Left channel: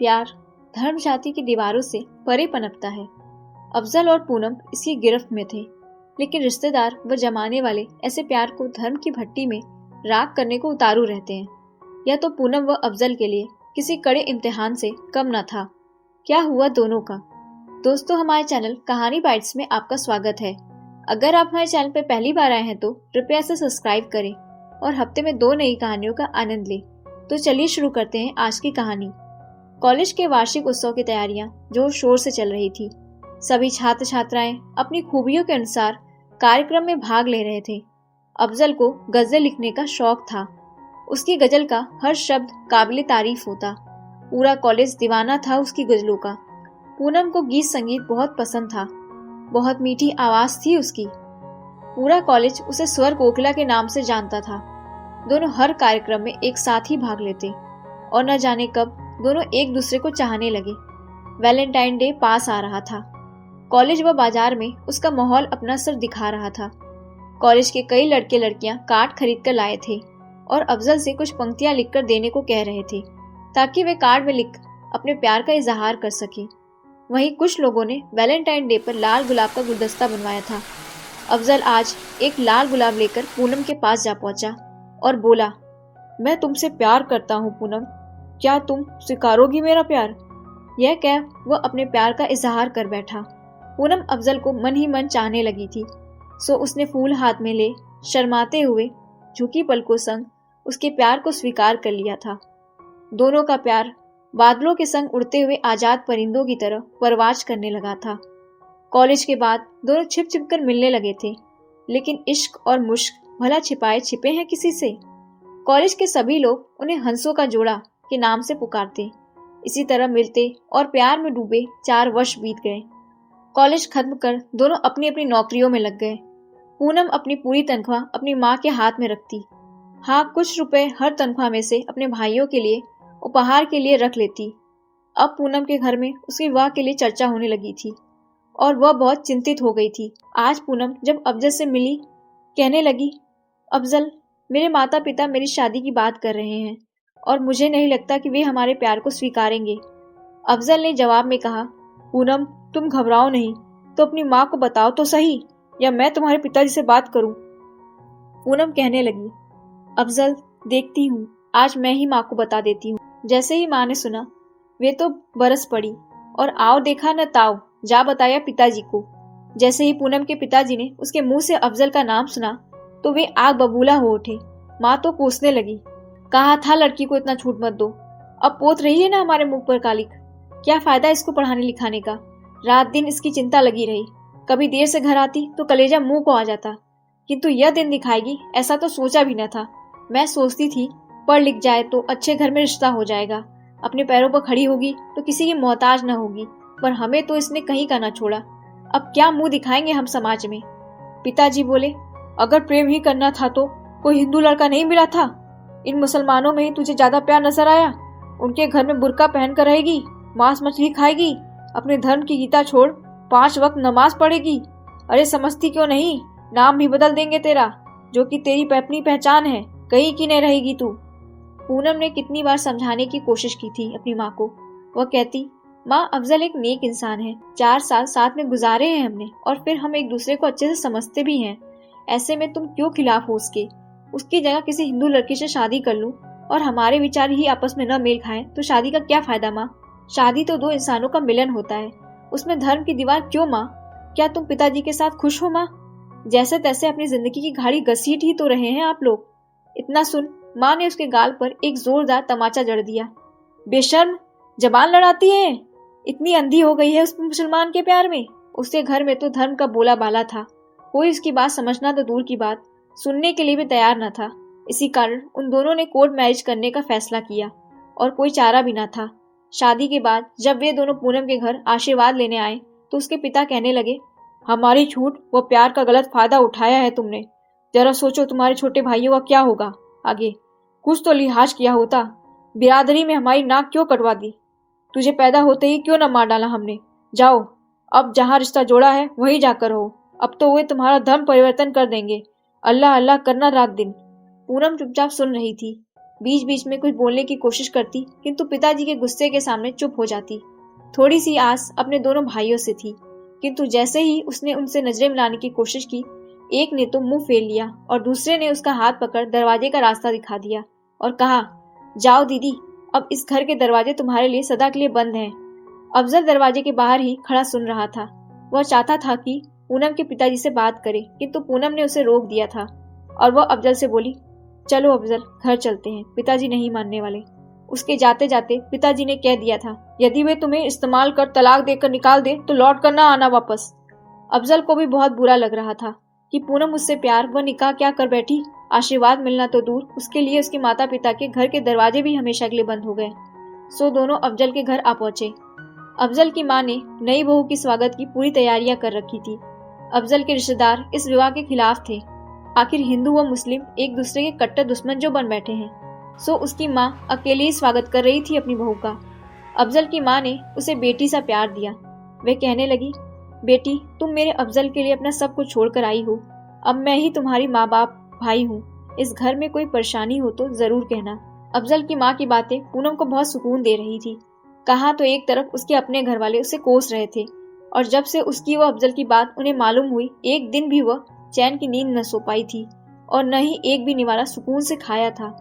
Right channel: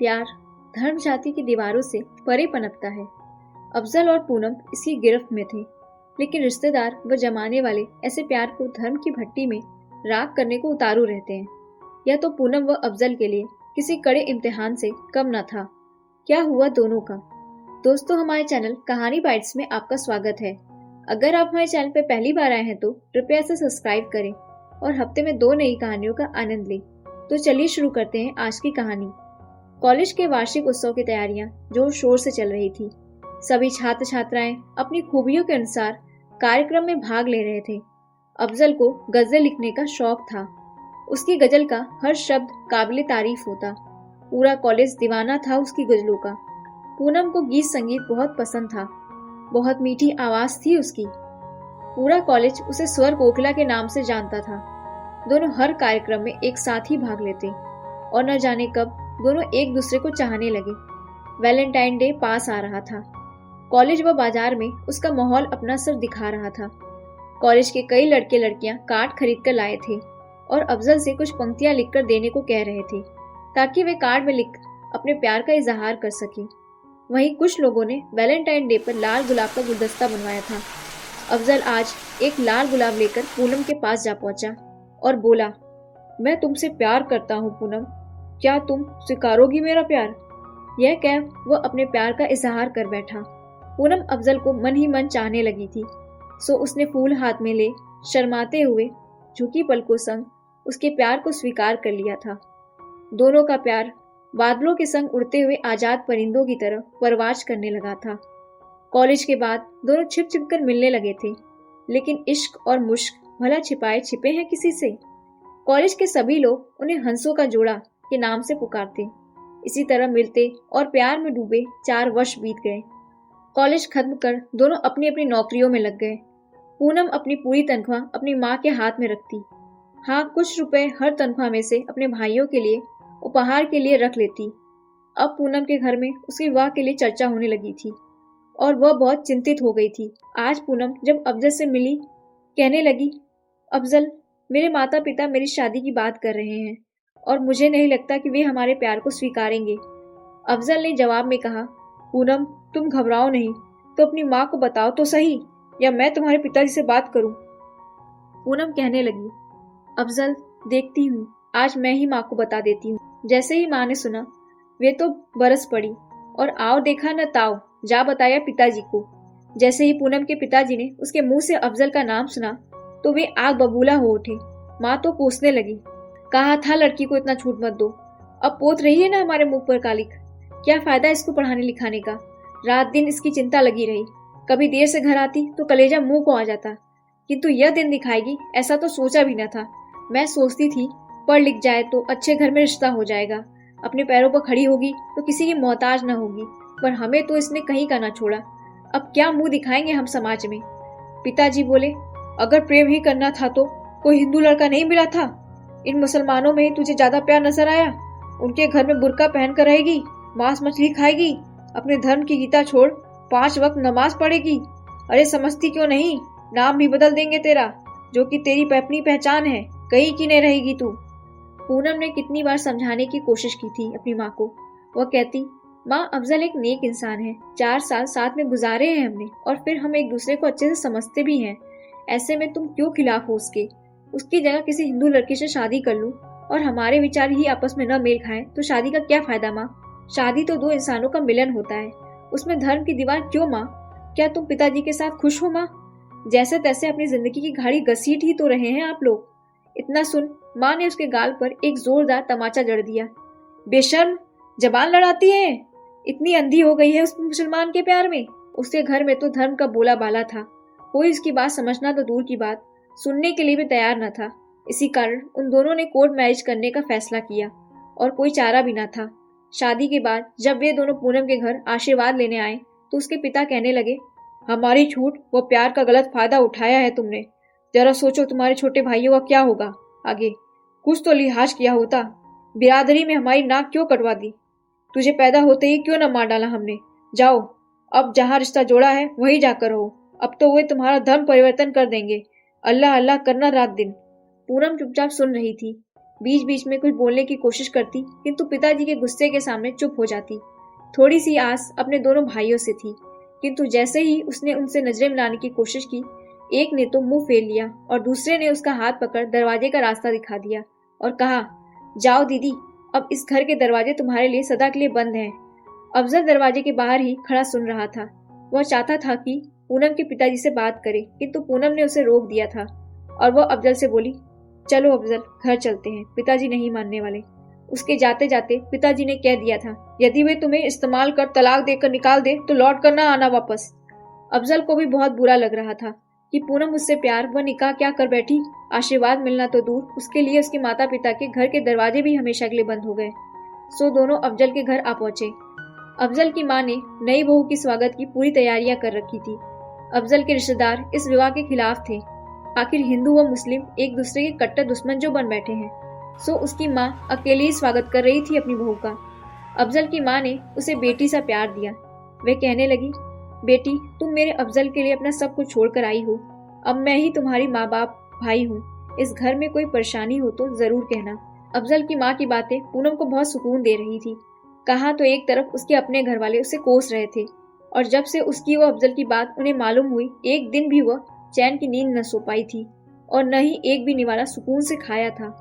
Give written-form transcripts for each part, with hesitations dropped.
प्यार धर्म जाति की दीवारों से परे पनपता है। अफजल और पूनम इसकी गिरफ्त में थे, लेकिन रिश्तेदार व जमाने वाले ऐसे प्यार को धर्म की भट्टी में राख करने को उतारू रहते हैं। यह तो पूनम व अफजल के लिए किसी कड़े इम्तिहान से कम न था। क्या हुआ दोनों का? दोस्तों, हमारे चैनल कहानी बाइट्स में आपका स्वागत है। अगर आप हमारे चैनल पर पहली बार आए हैं तो कृपया से सब्सक्राइब करें और हफ्ते में 2 नई कहानियों का आनंद लें। तो चलिए शुरू करते हैं आज की कहानी। कॉलेज के वार्षिक उत्सव की तैयारियां जोर शोर से चल रही थी। सभी छात्र छात्राएं अपनी खूबियों के अनुसार कार्यक्रम में भाग ले रहे थे। अफजल को गजल लिखने का शौक था। उसकी गजल का हर शब्द काबिले तारीफ होता। पूरा कॉलेज दीवाना था उसकी गजलों का। पूनम को गीत संगीत बहुत पसंद था। बहुत मीठी आवाज थी उसकी। पूरा कॉलेज उसे स्वर कोकिला के नाम से जानता था। दोनों हर कार्यक्रम में एक साथ ही भाग लेते और न जाने कब दोनों एक दूसरे को चाहने लगे। वैलेंटाइन डे पास आ रहा था। कॉलेज व बाजार में उसका माहौल अपना सर दिखा रहा था। कॉलेज के कई लड़के लड़कियां कार्ड खरीद कर लाए थे और अफजल से कुछ पंक्तियां लिखकर देने को कह रहे थे, ताकि वे कार्ड में लिख अपने प्यार का इजहार कर सके। वहीं कुछ लोगों ने वैलेंटाइन डे पर लाल गुलाब का गुलदस्ता बनवाया था। अफजल आज एक लाल गुलाब लेकर पूनम के पास जा पहुंचा और बोला, मैं तुमसे प्यार करता हूँ पूनम, क्या तुम स्वीकारोगी मेरा प्यार? यह कह वह अपने प्यार का इजहार कर बैठा। पूनम अफजल को मन ही मन चाहने लगी थी, सो उसने फूल हाथ में ले शर्माते हुए झुकी पलकों संग उसके प्यार को स्वीकार कर लिया था। दोनों का प्यार बादलों के संग उड़ते हुए आजाद परिंदों की तरह परवाज करने लगा था। कॉलेज के बाद दोनों छिप छिप कर मिलने लगे थे, लेकिन इश्क और मुश्क भला छिपाए छिपे हैं किसी से? कॉलेज के सभी लोग उन्हें हंसों का जोड़ा के नाम से पुकारते। इसी तरह मिलते और प्यार में डूबे 4 वर्ष बीत गए। कॉलेज खत्म कर दोनों अपनी अपनी नौकरियों में लग गए। पूनम अपनी पूरी तनख्वाह अपनी माँ के हाथ में रखती। हाँ, कुछ रुपए हर तनख्वाह में से अपने भाइयों के लिए उपहार के लिए रख लेती। अब पूनम के घर में उसके विवाह के लिए चर्चा होने लगी थी और वह बहुत चिंतित हो गई थी। आज पूनम जब अफजल से मिली, कहने लगी, अफजल, मेरे माता पिता मेरी शादी की बात कर रहे हैं और मुझे नहीं लगता कि वे हमारे प्यार को स्वीकारेंगे। अफजल ने जवाब में कहा, पूनम, तुम घबराओ नहीं, तो अपनी माँ को बताओ तो सही, या मैं तुम्हारे पिताजी से बात करूं? पूनम कहने लगी, अफजल, देखती हूँ, आज मैं ही माँ को बता देती हूँ। जैसे ही माँ ने सुना, वे तो बरस पड़ी और आओ देखा न ताओ, जा बताया पिताजी को। जैसे ही पूनम के पिताजी ने उसके मुंह से अफजल का नाम सुना तो वे आग बबूला हो उठे। माँ तो कोसने लगी, कहा था लड़की को इतना छूट मत दो, अब पोत रही है ना हमारे मुंह पर कालिक, क्या फायदा इसको पढ़ाने लिखाने का? रात दिन इसकी चिंता लगी रही। कभी देर से घर आती तो कलेजा मुंह को आ जाता, किंतु यह दिन दिखाएगी ऐसा तो सोचा भी न था। मैं सोचती थी पढ़ लिख जाए तो अच्छे घर में रिश्ता हो जाएगा, अपने पैरों पर खड़ी होगी तो किसी की मोहताज न होगी, पर हमें तो इसने कहीं का न छोड़ा। अब क्या मुंह दिखाएंगे हम समाज में? पिताजी बोले, अगर प्रेम ही करना था तो कोई हिंदू लड़का नहीं मिला था? इन मुसलमानों में ही तुझे ज्यादा प्यार नजर आया? उनके घर में बुर्का पहन कर रहेगी, मांस मछली खाएगी, अपने धर्म की गीता छोड़ 5 वक्त नमाज पढ़ेगी। अरे समझती क्यों नहीं, नाम भी बदल देंगे तेरा, जो कि तेरी अपनी पहचान है, कहीं की नहीं रहेगी तू। पूनम ने कितनी बार समझाने की कोशिश की थी अपनी माँ को। वह कहती, माँ, अफजल एक नेक इंसान है, 4 साल साथ में गुजारे हैं हमने और फिर हम एक दूसरे को अच्छे से समझते भी हैं। ऐसे में तुम क्यों खिलाफ हो उसके? उसकी जगह किसी हिंदू लड़की से शादी कर लूं और हमारे विचार ही आपस में न मेल खाएं तो शादी का क्या फायदा माँ? शादी तो 2 इंसानों का मिलन होता है, उसमें धर्म की दीवार क्यों माँ? क्या तुम पिताजी के साथ खुश हो माँ? जैसे तैसे अपनी जिंदगी की घाड़ी घसीट ही तो रहे हैं आप लोग। इतना सुन माँ ने उसके गाल पर एक जोरदार तमाचा जड़ दिया। बेशर्म, जबान लड़ाती है, इतनी अंधी हो गई है उस मुसलमान के प्यार में। उसके घर में तो धर्म का बोला बाला था, कोई इसकी बात समझना तो दूर की बात, सुनने के लिए भी तैयार न था। इसी कारण उन दोनों ने कोर्ट मैरिज करने का फैसला किया और कोई चारा भी न था। शादी के बाद जब वे दोनों पूनम के घर आशीर्वाद लेने आए तो उसके पिता कहने लगे, हमारी छूट व प्यार का गलत फायदा उठाया है तुमने। जरा सोचो तुम्हारे छोटे भाइयों का क्या होगा आगे। कुछ तो लिहाज किया होता, बिरादरी में हमारी नाक क्यों कटवा दी? तुझे पैदा होते ही क्यों न मार डाला हमने? जाओ, अब जहाँ रिश्ता जोड़ा है वहीं जाकर रहो, अब तो वे तुम्हारा धर्म परिवर्तन कर देंगे। अल्लाह अल्लाह करना रात दिन। पूनम चुपचाप सुन रही थी। बीच बीच में कुछ बोलने की कोशिश करती, किंतु पिताजी के गुस्से के सामने चुप हो जाती। थोड़ी सी आस अपने दोनों भाइयों से थी, किंतु जैसे ही उसने उनसे नजरें मिलाने की कोशिश की, एक ने तो मुंह फेर लिया और दूसरे ने उसका हाथ पकड़ दरवाजे का रास्ता दिखा दिया और कहा, जाओ दीदी, अब इस घर के दरवाजे तुम्हारे लिए सदा के लिए बंद हैं। अफजल दरवाजे के बाहर ही खड़ा सुन रहा था। वह चाहता था कि पूनम के पिताजी से बात करे, किंतु पूनम ने उसे रोक दिया था और वह अफजल से बोली, चलो अफजल, घर चलते हैं, पिताजी नहीं मानने वाले। उसके जाते जाते पिताजी ने कह दिया था, यदि वे तुम्हें इस्तेमाल कर तलाक देकर निकाल दे तो लौट कर ना आना वापस। अफजल को भी बहुत बुरा लग रहा था कि पूनम उससे प्यार व निकाह क्या कर बैठी। आशीर्वाद मिलना तो दूर, उसके लिए उसके माता पिता के घर के दरवाजे भी हमेशा के लिए बंद हो गए। सो दोनों अफजल के घर आ पहुंचे। अफजल की माँ ने नई बहू की स्वागत की पूरी तैयारियां कर रखी थी। अफजल के रिश्तेदार इस विवाह के खिलाफ थे। आखिर हिंदू व मुस्लिम एक दूसरे के कट्टर दुश्मन जो बन बैठे हैं। सो उसकी माँ अकेले ही स्वागत कर रही थी अपनी बहू का। अफजल की माँ ने उसे बेटी सा प्यार दिया। वह कहने लगी, बेटी, तुम मेरे अफजल के लिए अपना सब कुछ छोड़कर आई हो। अब मैं ही तुम्हारी माँ बाप भाई हूँ। इस घर में कोई परेशानी हो तो जरूर कहना। अफजल की माँ की बातें पूनम को बहुत सुकून दे रही थी। कहाँ तो एक तरफ उसके अपने घर वाले उसे कोस रहे थे, और जब से उसकी वो अफजल की बात उन्हें मालूम हुई, एक दिन भी वह चैन की नींद न सो पाई थी और न ही एक भी निवाला सुकून से खाया था।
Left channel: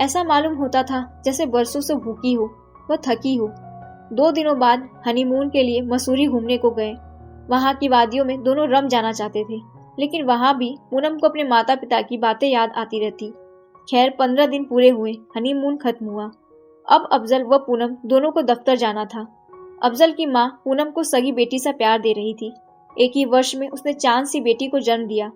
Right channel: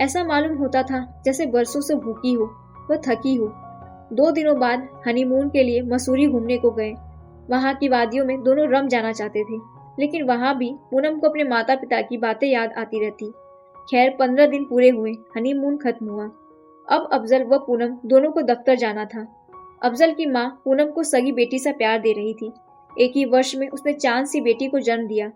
ऐसा मालूम होता था जैसे बरसों से भूखी हो, वह थकी हो। 2 दिनों बाद हनीमून के लिए मसूरी घूमने को गए। वहां की वादियों में दोनों रम जाना चाहते थे, लेकिन वहां भी पूनम को अपने माता पिता की बातें याद आती रहती। खैर 15 दिन पूरे हुए, हनीमून खत्म हुआ। अब अफजल व पूनम दोनों को दफ्तर जाना था। अफजल की माँ पूनम को सगी बेटी सा प्यार दे रही थी। एक ही वर्ष में उसने चांद सी बेटी को जन्म दिया।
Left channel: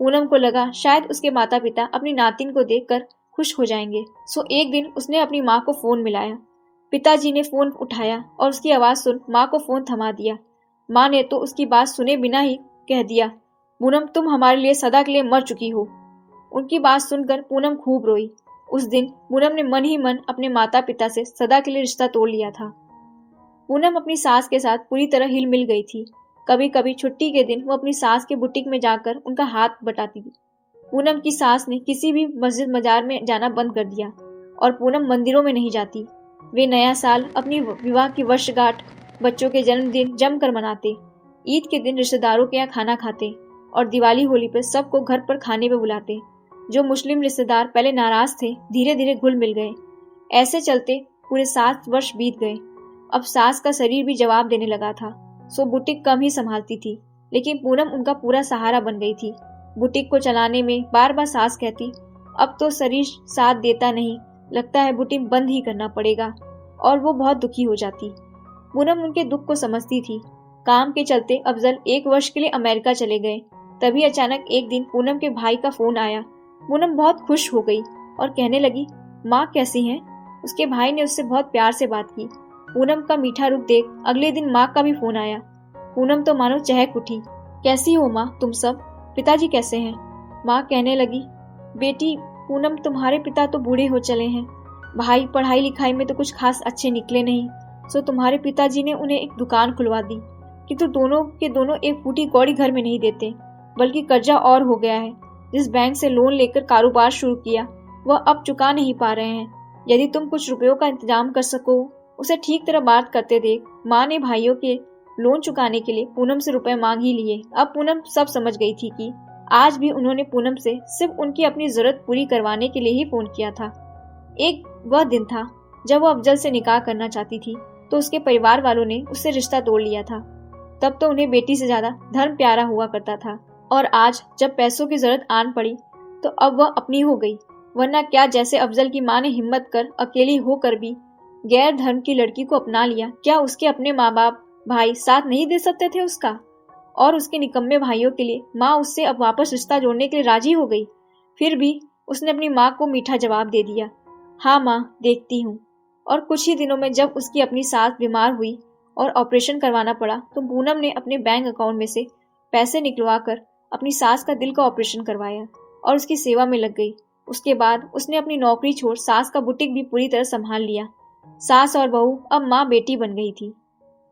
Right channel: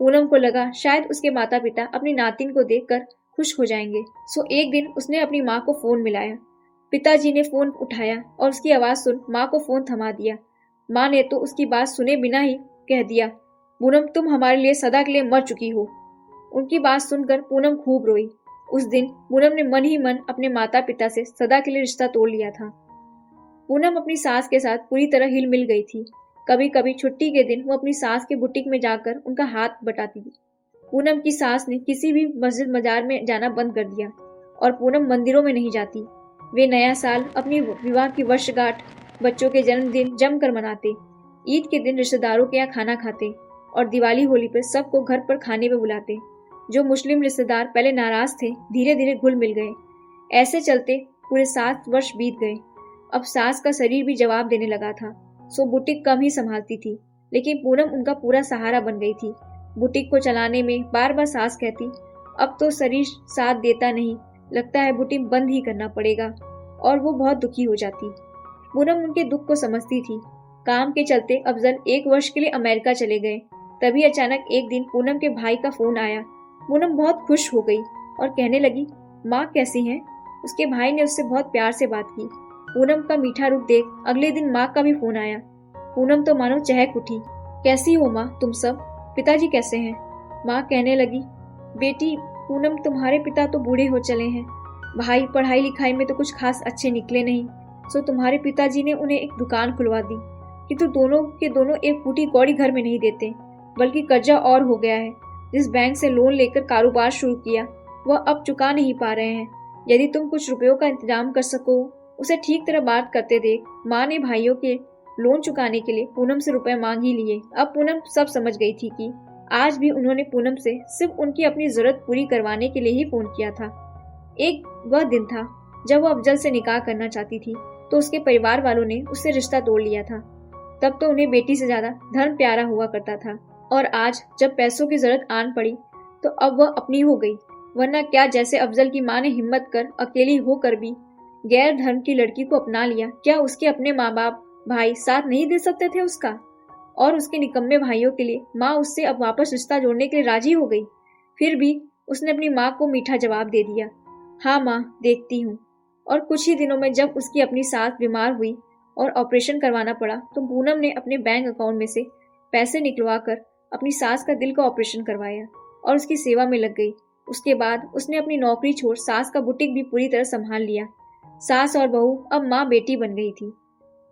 पूनम को लगा शायद उसके माता पिता अपनी नातिन को देखकर खुश हो जाएंगे। सो एक दिन उसने अपनी माँ को फोन मिलाया। पिताजी ने फोन उठाया और उसकी आवाज सुन माँ को फोन थमा दिया। माँ ने तो उसकी बात सुने बिना ही कह दिया, पूनम, तुम हमारे लिए सदा के लिए मर चुकी हो। उनकी बात सुनकर पूनम खूब रोई। उस दिन पूनम ने मन ही मन अपने माता पिता से सदा के लिए रिश्ता तोड़ लिया था। पूनम अपनी सास के साथ पूरी तरह हिल मिल गई थी। कभी कभी छुट्टी के दिन वो अपनी सास के बुटीक में जाकर उनका हाथ बटाती थी। पूनम की सास ने किसी भी मस्जिद मजार में जाना बंद कर दिया और पूनम मंदिरों में नहीं जाती। वे नया साल, अपनी विवाह की वर्षगांठ, बच्चों के जन्मदिन जमकर मनाते। ईद के दिन रिश्तेदारों के यहाँ खाना खाते और दिवाली होली पर सबको घर पर खाने पे बुलाते। जो मुस्लिम रिश्तेदार पहले नाराज थे, धीरे धीरे घुल मिल गए। ऐसे चलते पूरे 7 वर्ष बीत गए। अब सास का शरीर भी जवाब देने लगा था, सो बुटीक कम ही संभालती थी, लेकिन पूनम उनका पूरा सहारा बन गई थी। बुटीक को चलाने में बार बार सास कहती, अब तो शरीर साथ देता नहीं, लगता है बुटीक बंद ही करना पड़ेगा, और वो बहुत दुखी हो जाती। पूनम उनके दुख को समझती थी। काम के चलते अफजल 1 वर्ष के लिए अमेरिका चले गए। तभी अचानक एक दिन पूनम के भाई का फोन आया। पूनम बहुत खुश हो गई और कहने लगी, माँ कैसी हैं? उसके भाई ने उससे बहुत प्यार से बात की। पूनम का मीठा रूप देख अगले दिन माँ का भी फोन आया। पूनम तो मानो चहक उठी। कैसी हो माँ तुम सब? पिताजी कैसे हैं? माँ कहने लगी, बेटी पूनम, तुम्हारे पिता तो बूढ़े हो चले हैं। भाई पढ़ाई लिखाई में तो कुछ खास अच्छे निकले नहीं, सो तुम्हारे पिताजी ने उन्हें एक दुकान खुलवा दी, किंतु दोनों के दोनों एक फूटी कौड़ी घर में नहीं देते, बल्कि कर्जा और हो गया है। जिस बैंक से लोन लेकर कारोबार शुरू किया वह अब चुका नहीं पा रहे हैं। यदि तुम कुछ रुपयों का इंतजाम कर सको, उसे ठीक तरह बात करते देख। माँ ने भाइयों के लोन चुकाने के लिए पूनम से रुपए मांग ही लिए। अब पूनम सब समझ गई थी कि आज भी उन्होंने पूनम से सिर्फ उनकी अपनी जरूरत पूरी करवाने के लिए ही फोन किया था। एक वह दिन था जब वो अफजल से निकाह करना चाहती थी, तो उसके परिवार वालों ने उससे रिश्ता तोड़ लिया था। तब तो उन्हें बेटी से ज्यादा धर्म प्यारा हुआ करता था, और आज जब पैसों की जरूरत आन पड़ी तो अब वह अपनी हो गई। वरना क्या, जैसे अफजल की माँ ने हिम्मत कर अकेली होकर भी गैर धर्म की लड़की को अपना लिया, क्या उसके अपने माँ बाप भाई साथ नहीं दे सकते थे उसका? और उसके निकम्मे भाइयों के लिए माँ उससे अब वापस रिश्ता जोड़ने के लिए राजी हो गई। फिर भी उसने अपनी माँ को मीठा जवाब दे दिया, हाँ माँ, देखती हूँ। और कुछ ही दिनों में जब उसकी अपनी सास बीमार हुई और ऑपरेशन करवाना पड़ा, तो पूनम ने अपने बैंक अकाउंट में से पैसे निकलवा कर अपनी सास का दिल का ऑपरेशन करवाया और उसकी सेवा में लग गई। उसके बाद उसने अपनी नौकरी छोड़ सास का बुटीक भी पूरी तरह संभाल लिया। सास और बहू अब माँ बेटी बन गई थी।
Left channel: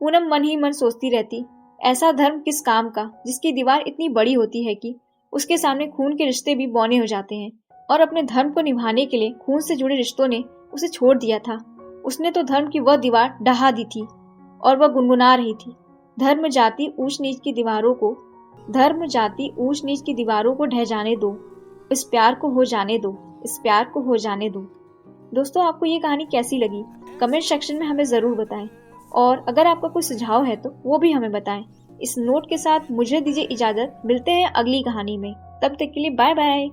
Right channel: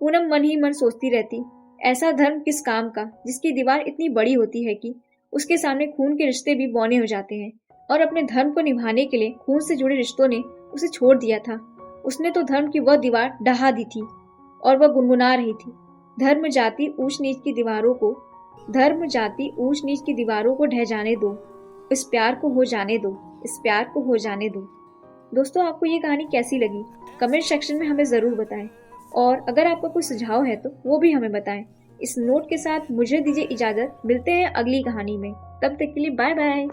पूनम मन ही मन सोचती रहती, ऐसा धर्म किस काम का जिसकी दीवार इतनी बड़ी होती है कि उसके सामने खून के रिश्ते भी बौने हो जाते हैं। और अपने धर्म को निभाने के लिए खून से जुड़े रिश्तों ने उसे छोड़ दिया था। उसने तो धर्म की वह दीवार ढहा दी थी और वह गुनगुना रही थी, धर्म जाति ऊंच नीच की दीवारों को ढह जाने दो, इस प्यार को हो जाने दो, इस प्यार को हो जाने दो। दोस्तों, आपको ये कहानी कैसी लगी कमेंट सेक्शन में हमें ज़रूर बताएं, और अगर आपका कोई सुझाव है तो वो भी हमें बताएं। इस नोट के साथ मुझे दीजिए इजाज़त, मिलते हैं अगली कहानी में। तब तक के लिए बाय बाय।